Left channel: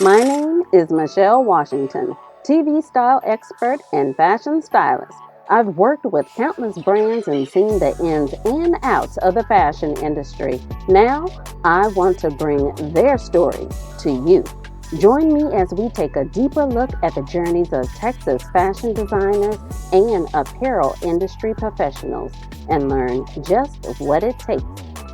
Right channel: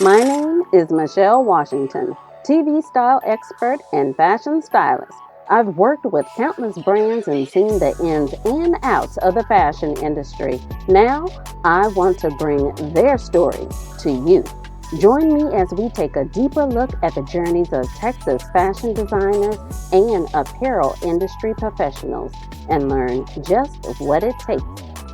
My name is Michelle Washington, TV style expert and fashion stylist. I've worked with countless brands and seen the ins and outs of the fashion industry. Now, I want to bring their story to you. Join me as we take a deeper look at the journeys of Texas fashion designers and apparel industry professionals and learn just what it takes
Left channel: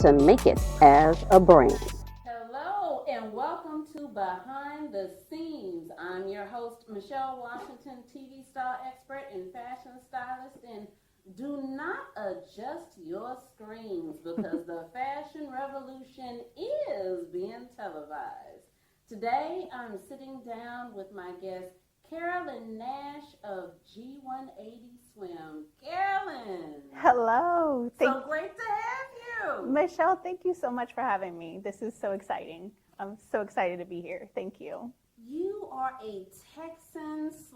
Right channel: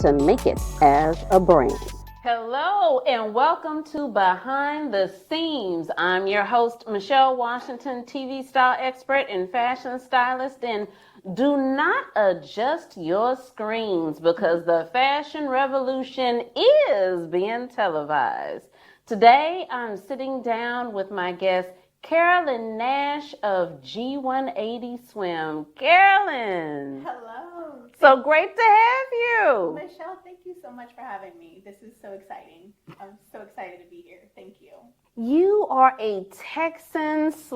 to make it as a brand. Hello and welcome to Behind the SEAMS. I'm your host, Michelle Washington, TV style expert and fashion stylist. And do not adjust your screens because the fashion revolution is being televised. Today, I'm sitting down with my guest, Carolyn Nash of G180 Swim. Carolyn. Hello. So great to have you. Michelle, thank you so much for having me. This is so exciting. I'm so excited to be here. Thank you. You are a Texan /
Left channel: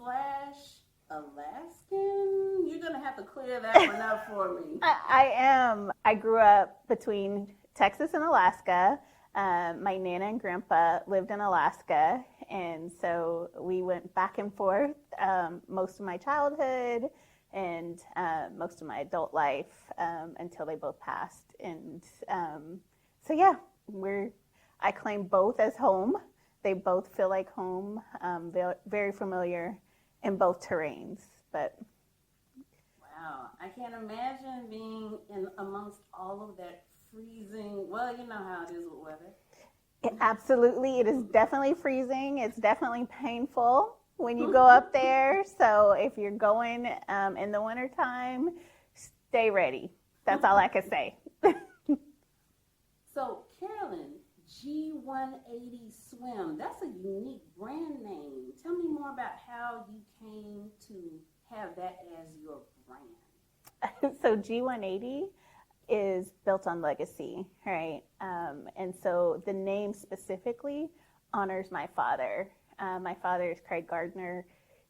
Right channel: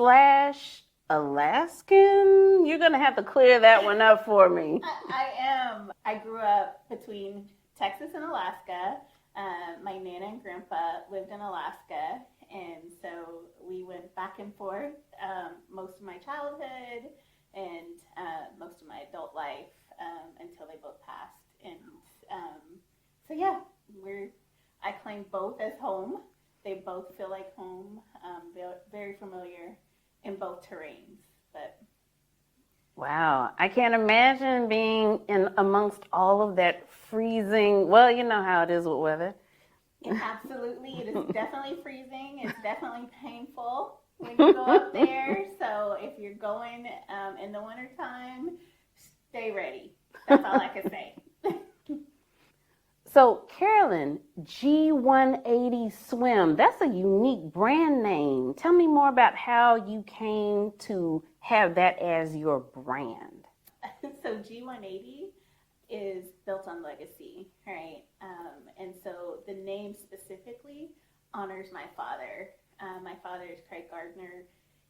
Alaskan? You're going to have to clear that one up for me. I am. I grew up between Texas and Alaska. My Nana and Grandpa lived in Alaska, and so we went back and forth most of my childhood and most of my adult life until they both passed. And so yeah, I claim both as home. They both feel like home. They're very familiar in both terrains. But wow, I can't imagine being in amongst all of that freezing. Well, you know how it is with weather. Absolutely, it is definitely freezing. It's definitely painful when you go up there. So if you're going in the wintertime, stay ready. That's all I can say. So Carolyn, G180 Swim, that's a unique brand name. Tell me more about how you came to have that as your brand. So G180 is built on legacy, right? And so the name specifically honors my father. My father is Craig Gardner.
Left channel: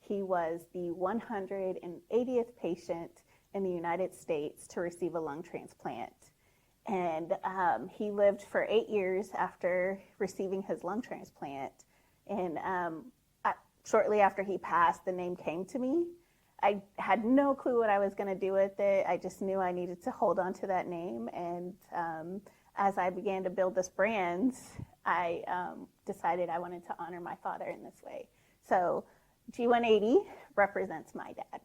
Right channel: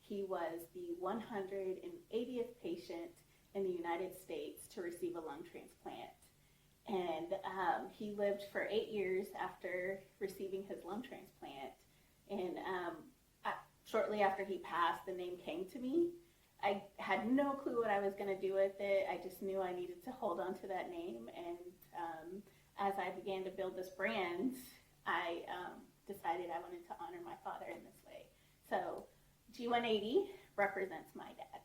He was the 180th patient in the United States to receive a lung transplant. And he lived for 8 years after receiving his lung transplant. And shortly after he passed, the name came to me. I had no clue what I was going to do with it. I just knew I needed to hold on to that name. And as I began to build this brand, I decided I wanted to honor my father in this way. So G180 represents my dad.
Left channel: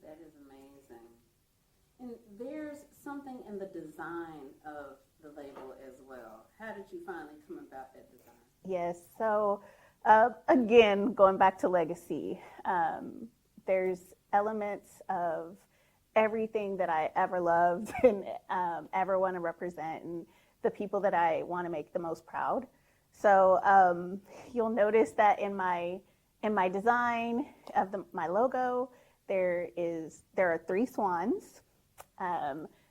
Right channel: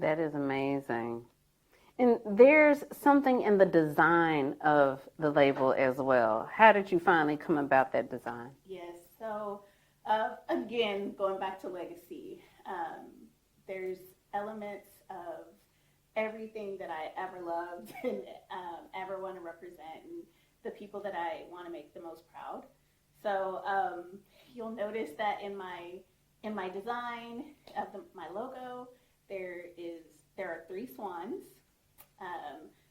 That is amazing. And there's something in the design of the label as well. How did you finally come about that design? Yes. So again, going back to legacy, there's elements of everything that I ever loved and ever want to represent, and the people that I want to make the most proud. So you'll notice that in my design of my logo, there are 3 swans.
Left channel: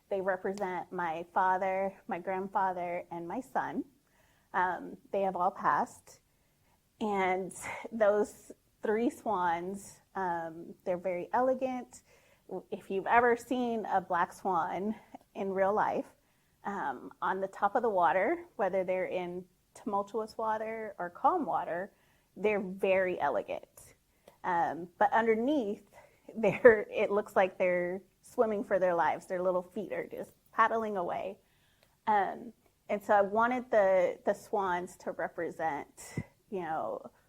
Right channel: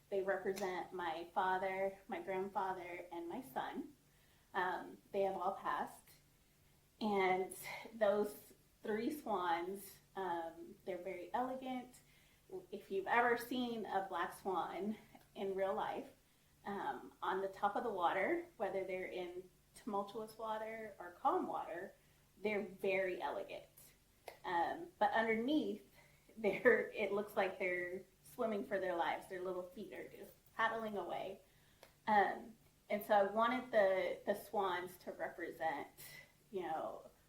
They represent my father, my grandfather, and my son. They have all passed, and those 3 swans, they're very elegant. If you've ever seen a black swan in real life, on the top of the water, whether they're in tumultuous water or calm water, they're very elegant. But underneath, it looks like they're swimming for their lives. Their little feet are just paddling away. And so I wanted the swans to represent,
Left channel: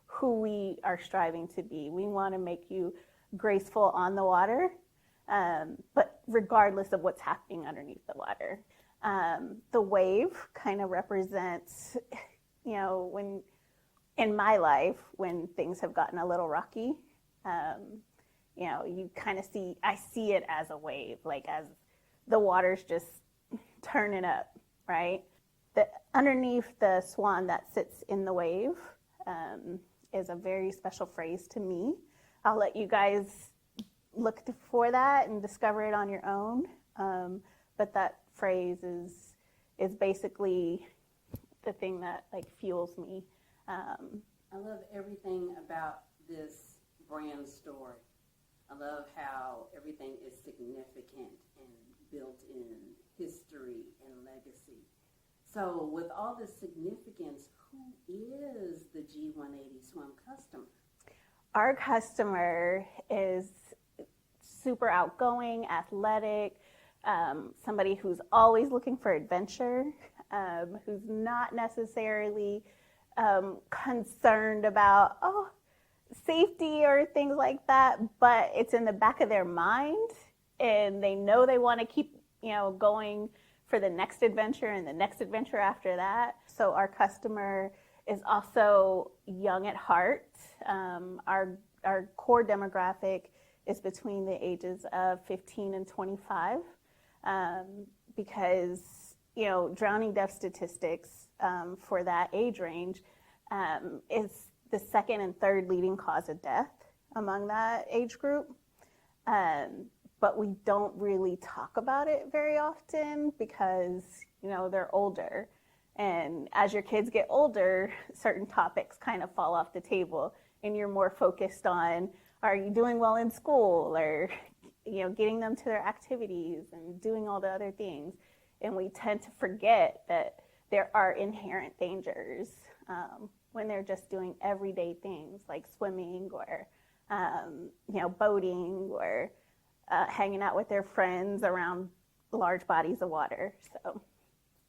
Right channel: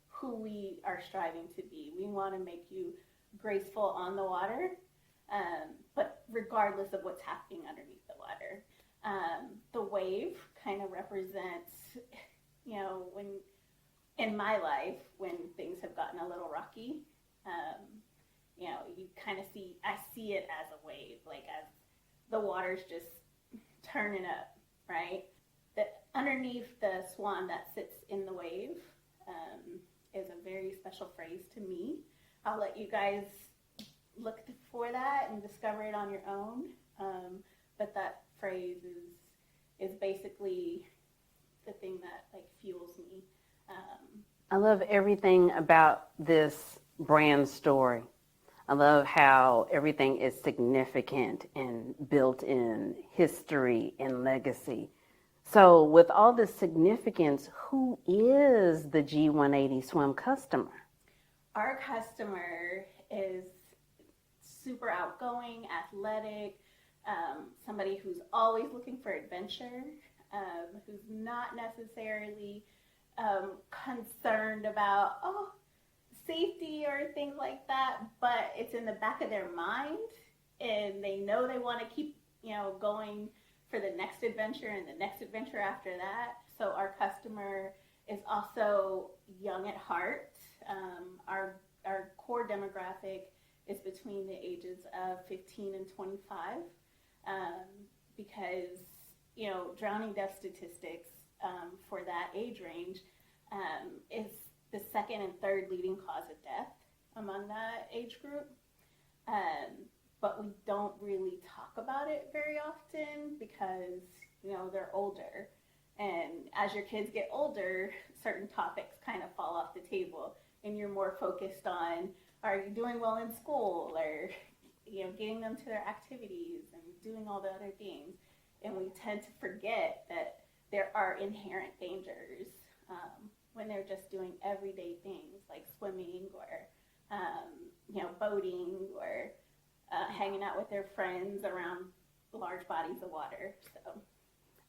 who we are striving to be. We want to make you graceful on the water, but regardless of what's happening underneath the water. The wave kind of represents, when in my life, when things have gotten a little rocky, you kind of I see it as a wave, like as the water's just turning up, right? Underneath the swan that sits in the wave is a very special phrase to me. I'll let you guys look for that and discover it on your own. But that phrase is basically the thing that fuels me. I love everything about this brand story. I love how everything is significant and built in history and legacy. So, with all this significance, who is the G180 swim customer? Our customer is super outgoing, athletic, somebody who's always looking for adventure, who's not necessarily concerned about, safety or things like that, but it's in the back of their mind and they know they want to keep, going for the next adventure and the next adventure after that. So our customer is also young at heart. Our core demographic is between the ages of 15 and 25, because drowning death statistics for that age range is the second and third leading cause of death among that age group. But we don't really talk about it very often because they're older, and as your kids get older, certain topics kind of fall off the table, and you're more focused on, are you doing well in school, or getting them to their activities and doing all the other things. And we tend to forget that there are inherent dangers when they're just doing everyday things like swimming or boating or hanging out with their friends around large bodies of water. So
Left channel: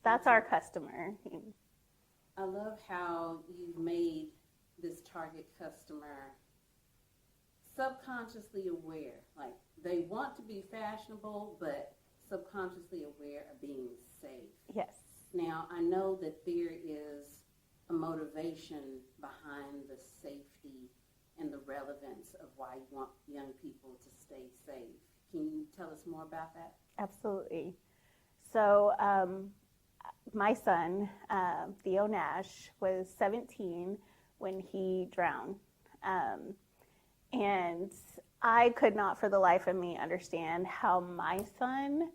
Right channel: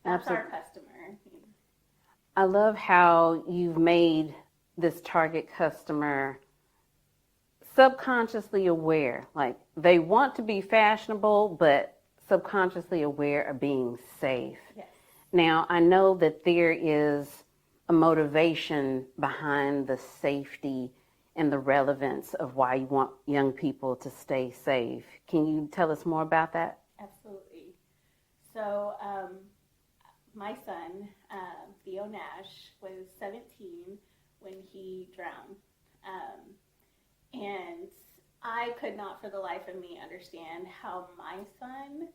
that's Absolutely. Our customer. I love how you've made this target customer subconsciously aware. Like, they want to be fashionable, but subconsciously aware of being safe. Yes. Now, I know that there is a motivation behind the safety and the relevance of why you want young people to stay safe. Can you tell us more about that? Absolutely. So my son, Theo Nash, was 17 when he drowned. And I could not for the life of me understand how my son,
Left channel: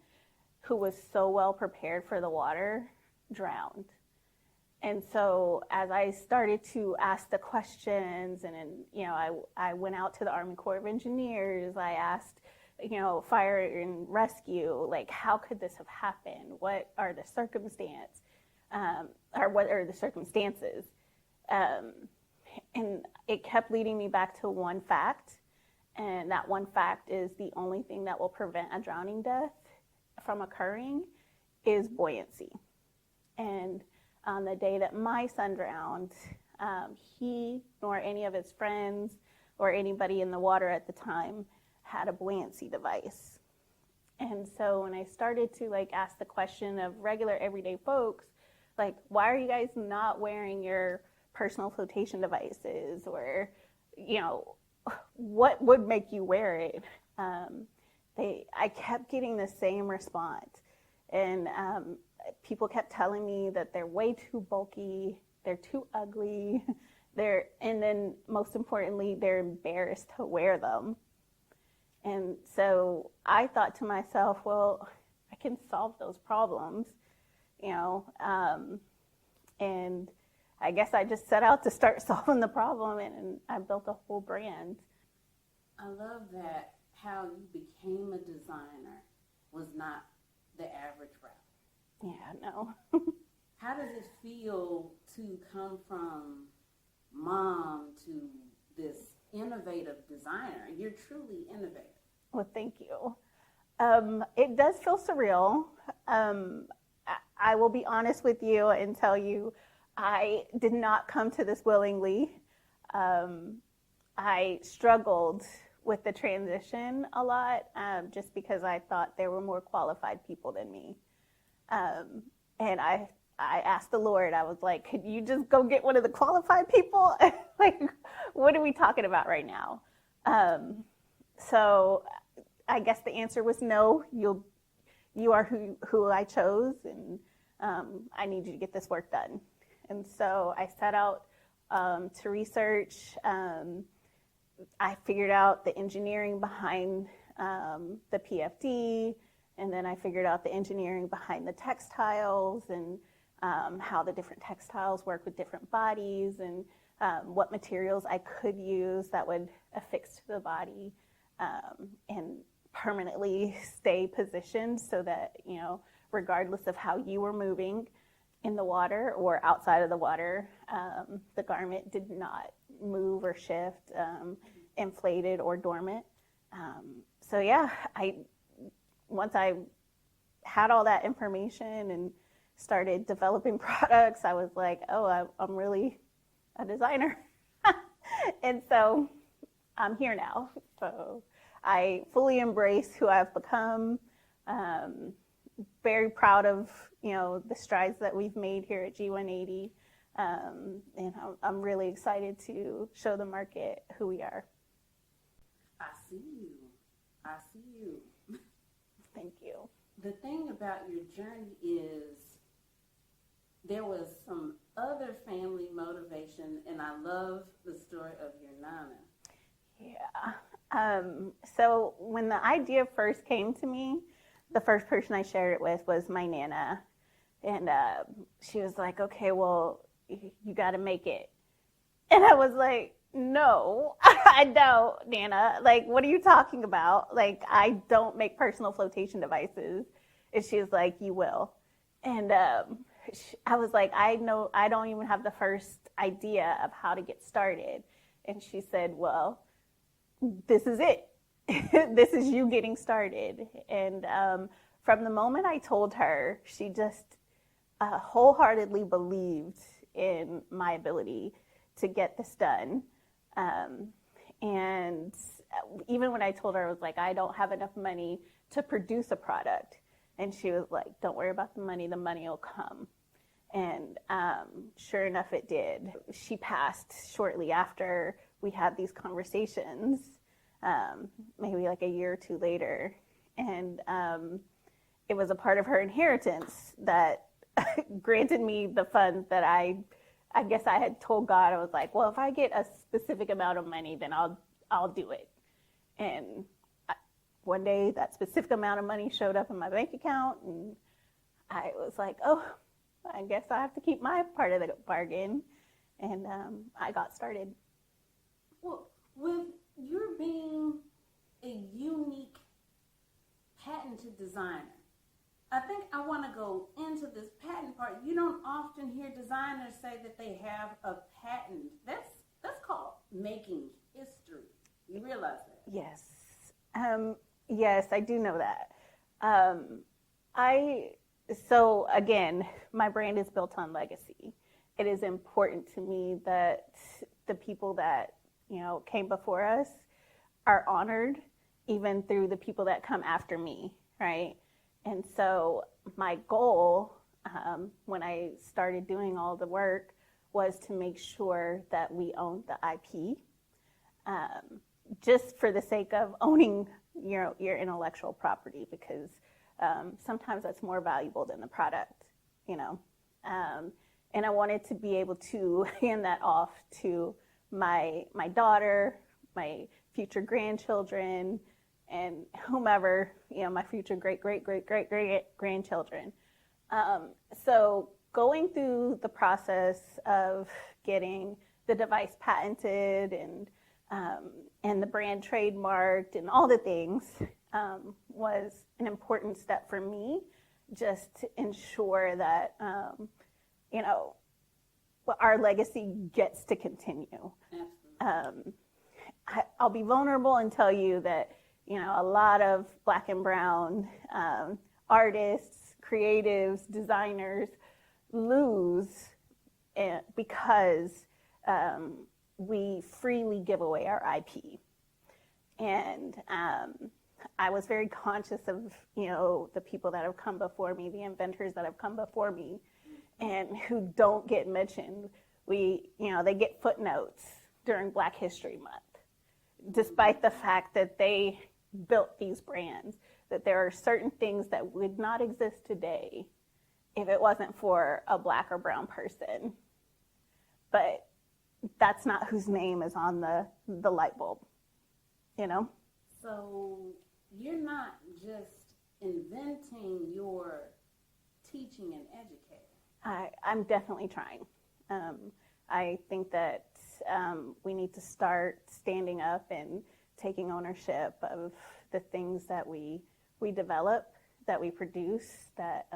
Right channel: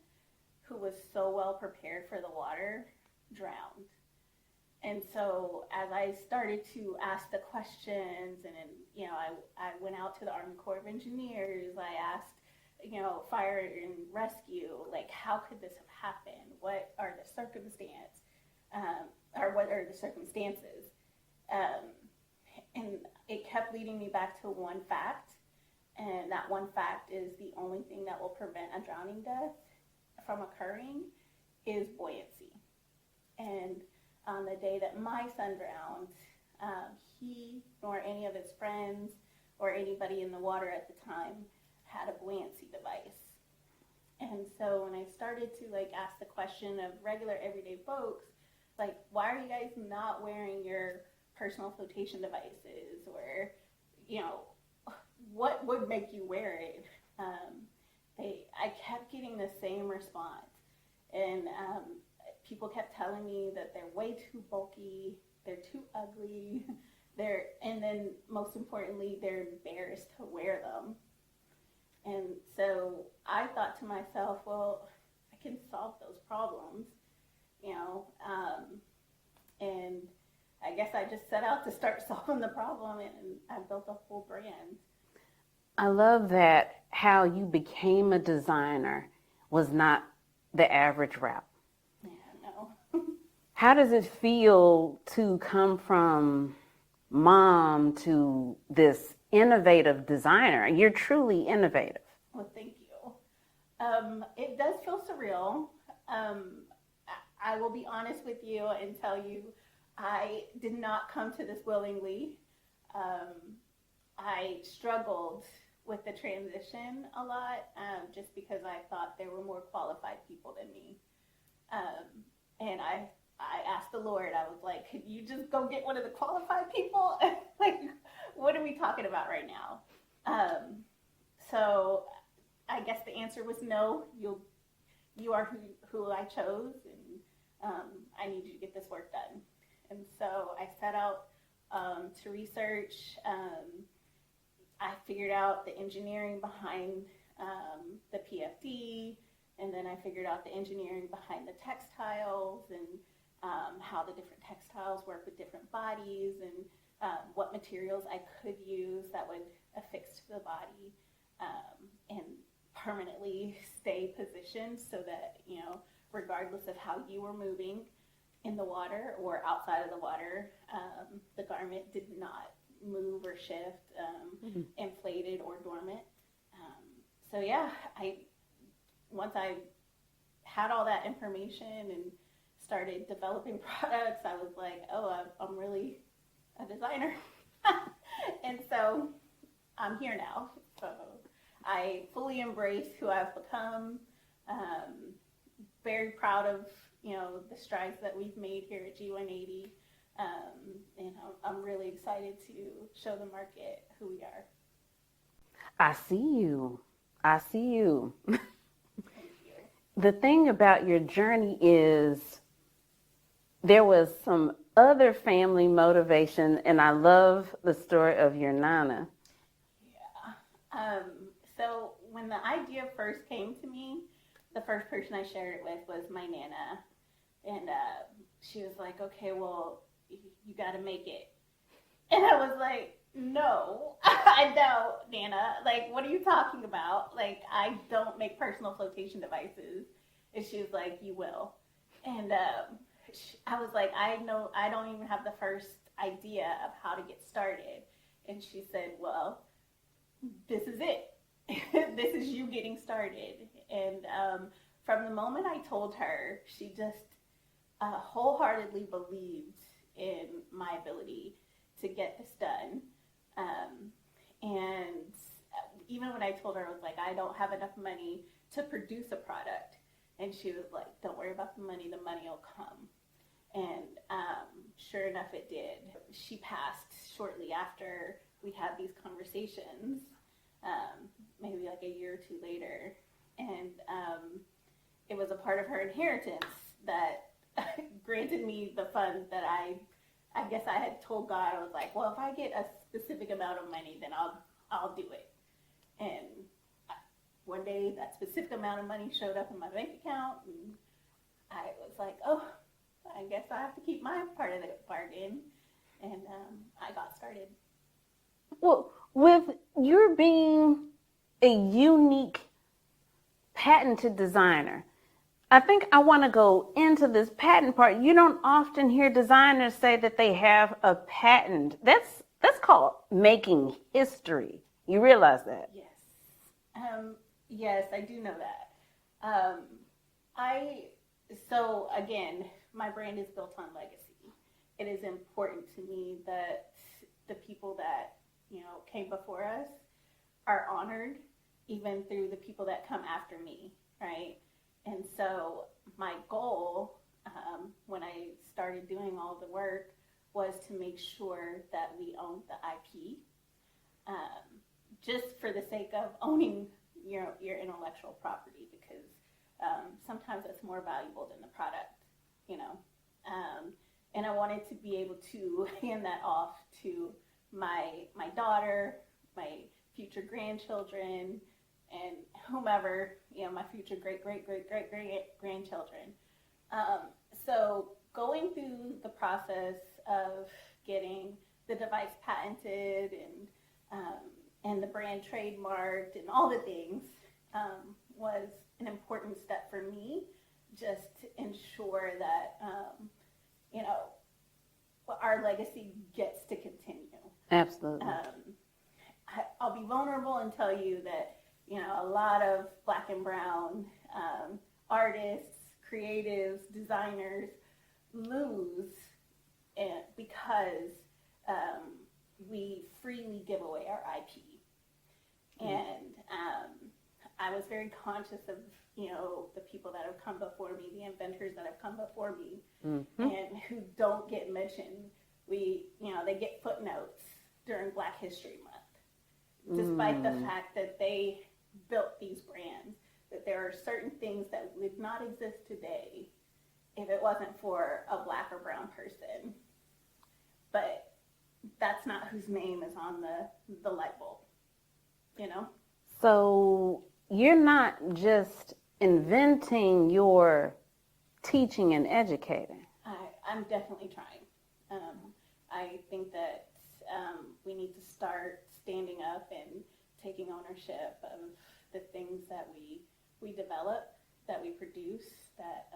who was so well prepared for the water, drowned. And so as I started to ask the questions, and I went out to the Army Corps of Engineers, I asked, fire and rescue, like, how could this have happened? What are the circumstances? And it kept leading me back to one fact, and that one fact is the only thing that will prevent a drowning death from occurring is buoyancy. And on the day that my son drowned, he nor any of his friends or anybody in the water at the time had a buoyancy device. And so when I started to ask the question of regular everyday folks, why are you guys not wearing your personal flotation devices, or what would make you wear it? I kept getting the same response, and people kept telling me that they're way too bulky, they're too ugly, and then most importantly, they're embarrassed to wear them. And so I thought to myself, well, I can solve those problems, and I guess I just set out to start solving the problem, and I built a whole brand. I love that how you became a designer was not the average route. Yeah, no. How does it feel to come from mom to this innovative designer? You're truly innovative. Well, thank you. It does feel surreal. I will be honest with you and tell you, I did not come to this willingly. I struggled with the transition a lot, just because I thought there were more qualified people than me. And I asked the Lord, I was like, could you just go get one of the qualified people? What are we talking about right now? So I guess the answer was no. You are who I chose, and I need you to get this work done. And so I set out to research. I figured out the engineering behind the PFD, and then I figured out the engineering behind the textiles, and how the different textiles work with different bodies, and what materials I could use that would affix to the body and permanently stay positioned so that, regardless of how you were moving, in the water or outside of the water, the garment did not move or shift, inflated or dormant. So yeah, once I had all that information and started developing products, I was like, oh, I'm really a designer. And so I'm here now. So I fully embrace who I've become. Very proud of, the strides that we've made here at G180. And I'm really excited to show the market who we are. I see you. Thank you. The thing about your journey is there was some other family motivation, and I love the story of your Nana. Yeah. So when the idea first came to me, the first person I shared it with was my Nana. And she was like, okay, well, you got to make it. And I was like, no, I don't, Nana. Like, what are you talking about? Like, I don't make personal flotation devices. And she was like, you will. And I was like, I don't even have the first idea of how to get started. And she said, well, this is it. This is you getting started. And from the moment I told her, she just wholeheartedly believed in my ability to get this done. And even when I told her, I was like, I don't have enough money to produce a product. And she was like, don't worry about the money will come. And sure enough, it did. She passed shortly after we had these conversations, maybe like a year or two later. And it was a part of her inheritance that granted me the funds that I guess I had told God. I was like, well, if I get a specific amount of money, then I'll do it. And one day that specific amount of money showed up in my bank account, and I was like, oh, I guess I have to keep my part of the bargain. And I got started. Well, with your being a unique patented designer, I think I want to go into this patent part. You don't often hear designers say that they have a patent. That's called making history. You realize that? Yes. Yes, I do know that. So again, my brand is built on legacy. It is important to me that the people that, came before us are honored, even through the people that come after me, right? And so my goal, when I started doing all the work, was to make sure that we owned the IP, just for the sake of owning your intellectual property, because sometimes that's more valuable than the product, and I wanted to be able to hand that off to my daughter, my future grandchildren, and whomever, my future great grandchildren. So going through the process of getting the device patented and the brand trademarked and all the things was an important step for me, just to ensure that our legacy gets to continue. Absolutely. I'll be vulnerable and tell you that a lot of Black and brown artists, creatives, designers lose because we freely give away our IP. And I was very conscious of, the people that have come before me, the inventors that have come before me, and who don't get mentioned. They get footnotes during Black History Month, despite the fact that they built these brands, that there are certain things that would not exist today if it wasn't for a Black or brown person. But that's not whose name is on the light bulb, So you're not just inventing, you're teaching and educating. I'm definitely trying. I think that we need to start standing up and taking ownership of the things that we develop, that we produce, that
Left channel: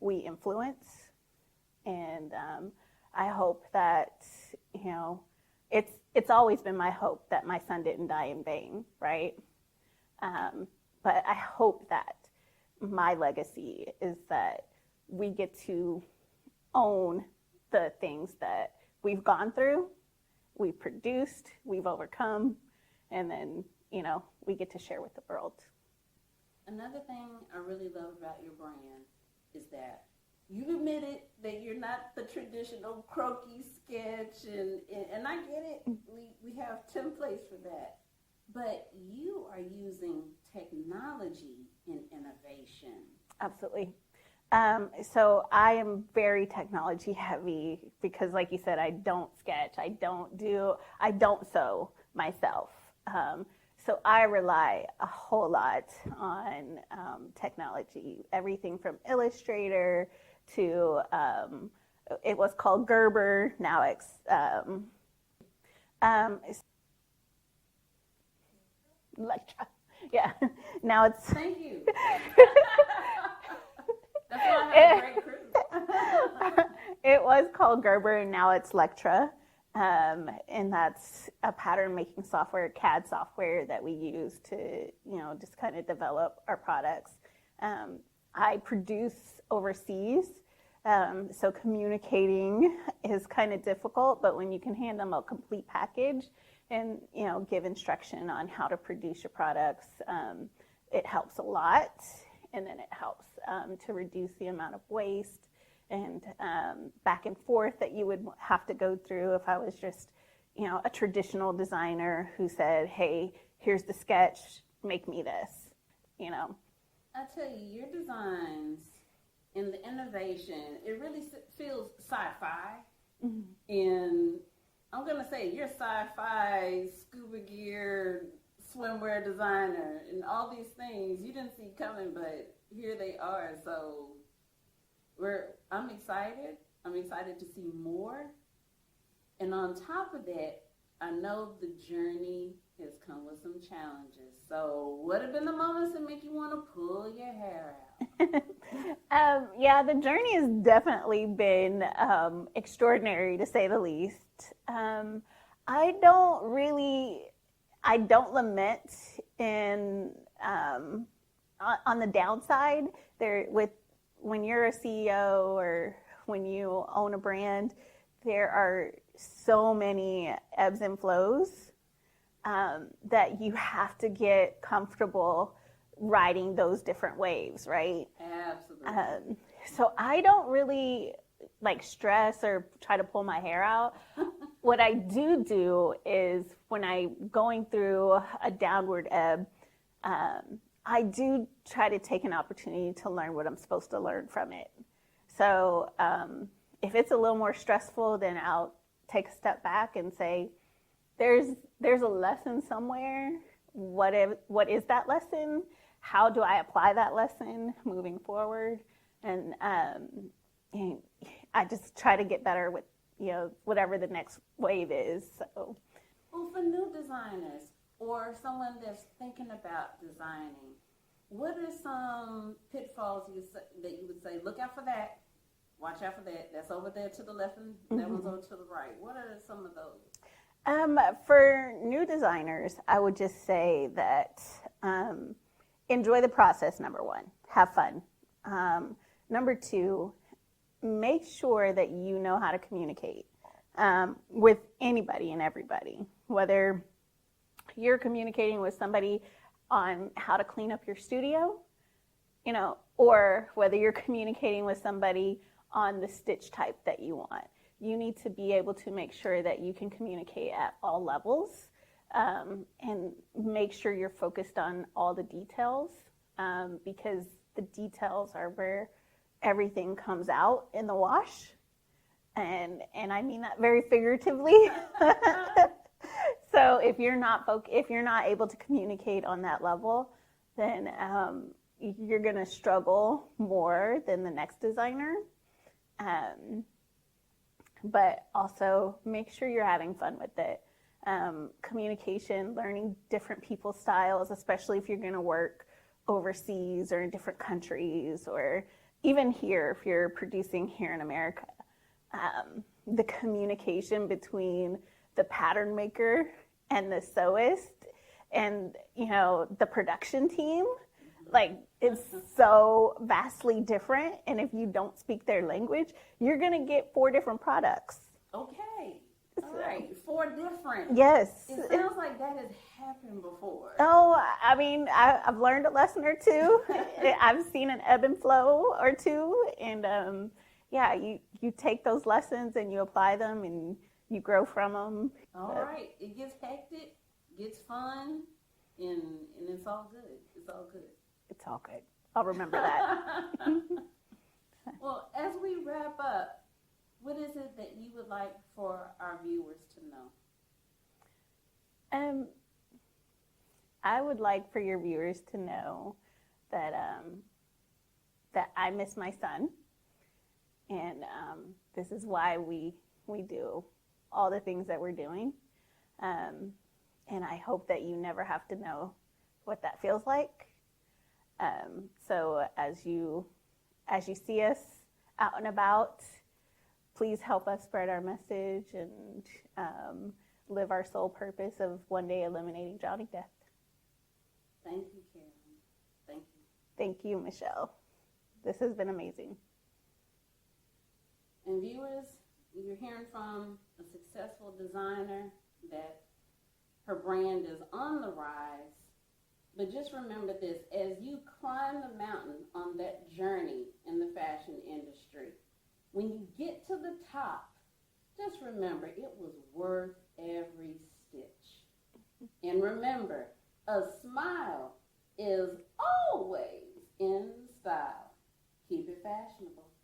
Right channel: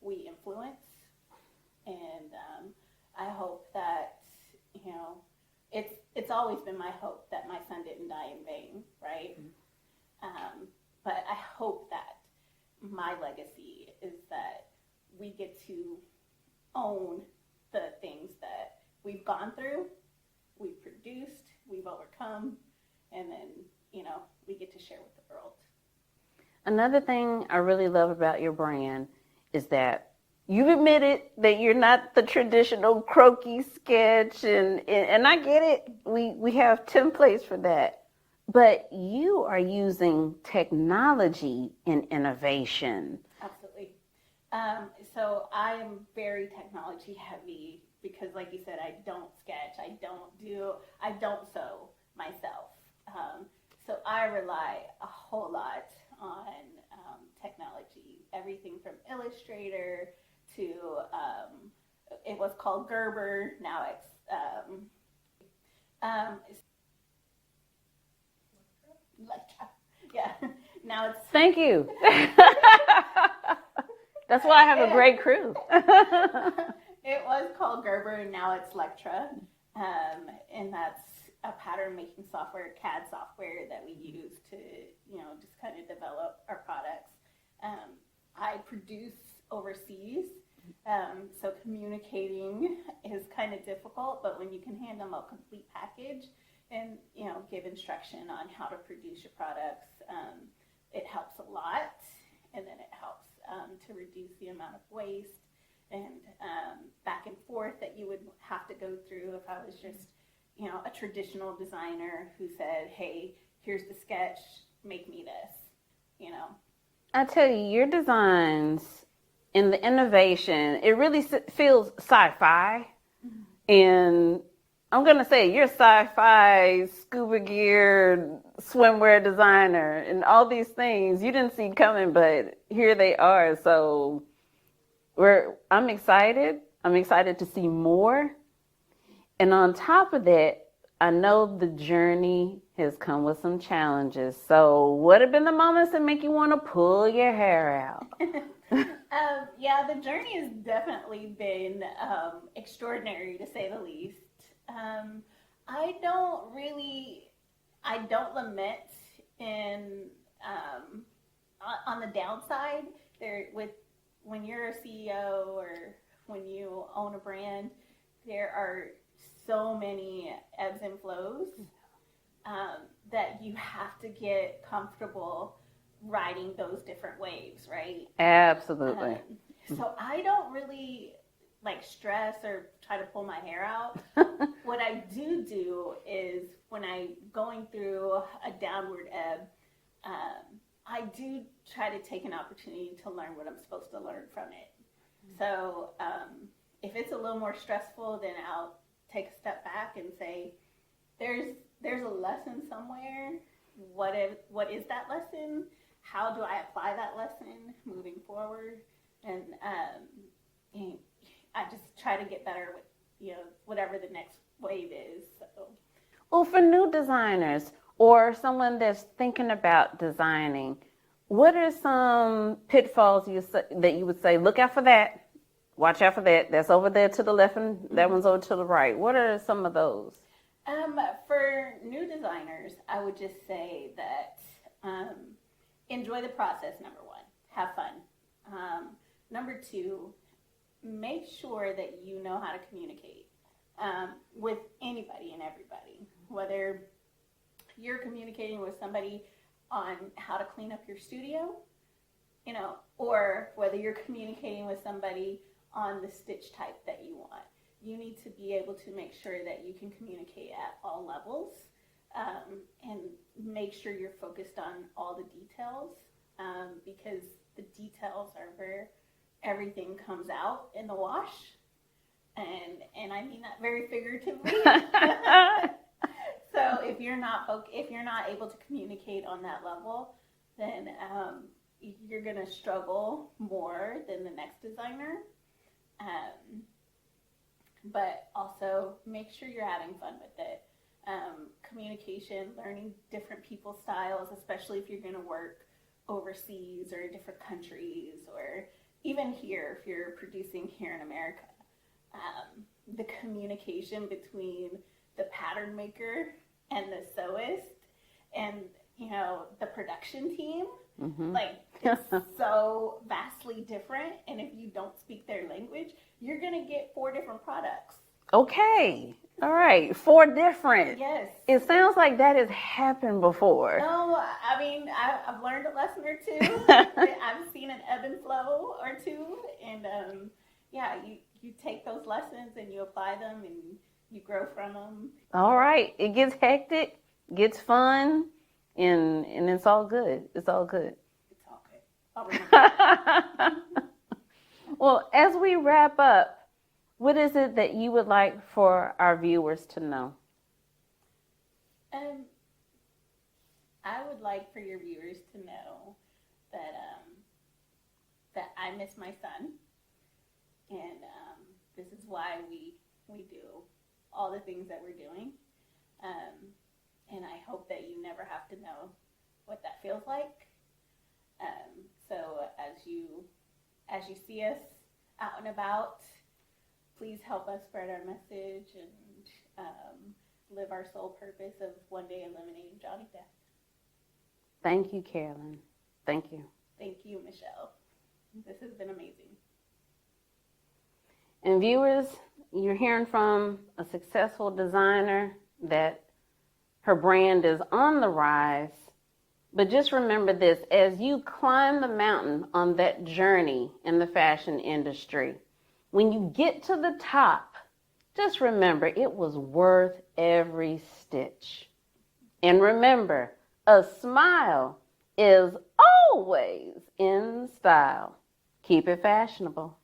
we influence. And I hope that, it's always been my hope that my son didn't die in vain, right? But I hope that my legacy is that we get to own the things that we've gone through, we've produced, we've overcome, and then, we get to share with the world. Another thing I really love about your brand is that you've admitted that you're not the traditional croquis sketch, and I get it. We have templates for that. But you are using technology and innovation. Absolutely. So I am very technology heavy because, like you said, I don't sketch, I don't sew myself. So I rely a whole lot on technology, everything from Illustrator to, it was called Gerber, now it's, Electra. Yeah, now it's. Thank you. That's why I have a great crew. It was called Gerber, and now it's Electra. And that's a pattern making software, CAD software that we use to, just kind of develop our products. I produce overseas, so communicating is kind of difficult, but when you can hand them a complete package and, give instruction on how to produce your products, it helps a lot. And then it helps to reduce the amount of waste and back and forth that you would have to go through if I was just, a traditional designer who said, hey, here's the sketch, make me this, I tell you, your designs and the innovation, it really feels sci-fi. Mm-hmm. And I'm going to say you're sci-fi, scuba gear, swimwear designer, and all these things you didn't see coming, but here they are. So I'm excited. I'm excited to see more. And on top of that, I know the journey has come with some challenges. So what have been the moments that make you want to pull your hair out? Yeah, the journey has definitely been extraordinary, to say the least. I don't lament on the downside. When you're a CEO or when you own a brand, there are so many ebbs and flows that you have to get comfortable riding those different waves, right? Absolutely. So I don't really stress or try to pull my hair out. What I do is when I'm going through a downward ebb, I do try to take an opportunity to learn what I'm supposed to learn from it. So if it's a little more stressful, then I'll take a step back and say, there's a lesson somewhere. What is that lesson? How do I apply that lesson moving forward? And I just try to get better with, whatever the next wave is. So. Well, for new designers or someone that's thinking about designing, what are some pitfalls that you would say, look out for that, watch out for that, that's over there to the left and that one's over to the right? What are some of those? For new designers, I would just say that enjoy the process, number one. Have fun. Number two, make sure that you know how to communicate with anybody and everybody, whether you're communicating with somebody on how to clean up your studio, or whether you're communicating with somebody on the stitch type that you want. You need to be able to make sure that you can communicate at all levels and make sure you're focused on all the details because the details are where everything comes out in the wash. And I mean that very figuratively. So if you're not able to communicate on that level, then you're going to struggle more than the next designer. But also make sure you're having fun with it. Communication, learning different people's styles, especially if you're going to work overseas or in different countries, or even here if you're producing here in America. the communication between the pattern maker and the sewist and, you know, the production team. Like, it's so vastly different. And if you don't speak their language, you're going to get 4 different products. Okay. All right. 4 different. Yes. It sounds like that has happened before. No, I mean, I've learned a lesson or 2. I've seen an ebb and flow or 2. And yeah, you take those lessons and you apply them and you grow from them. All right. It gets hectic, gets fun, and it's all good. It's all good. It's all good. I'll remember that. Well, as we wrap up, what is it that you would like for our viewers to know? I would like for your viewers to know that that I miss my son, and this is why we do all the things that we're doing. And I hope that you never have to know what that feels like. So as you see us out and about, please help us spread our message and live our sole purpose of one day eliminating drowning death. Thank you, Carolyn. Thank you. Thank you, Michelle. This has been amazing. And viewers, you're hearing from a successful designer that her brand is on the rise. But just remember this, as you climb the mountain on that journey in the fashion industry, when you get to the top, just remember it was worth every stitch. And remember, a smile is always in style. Keep it fashionable.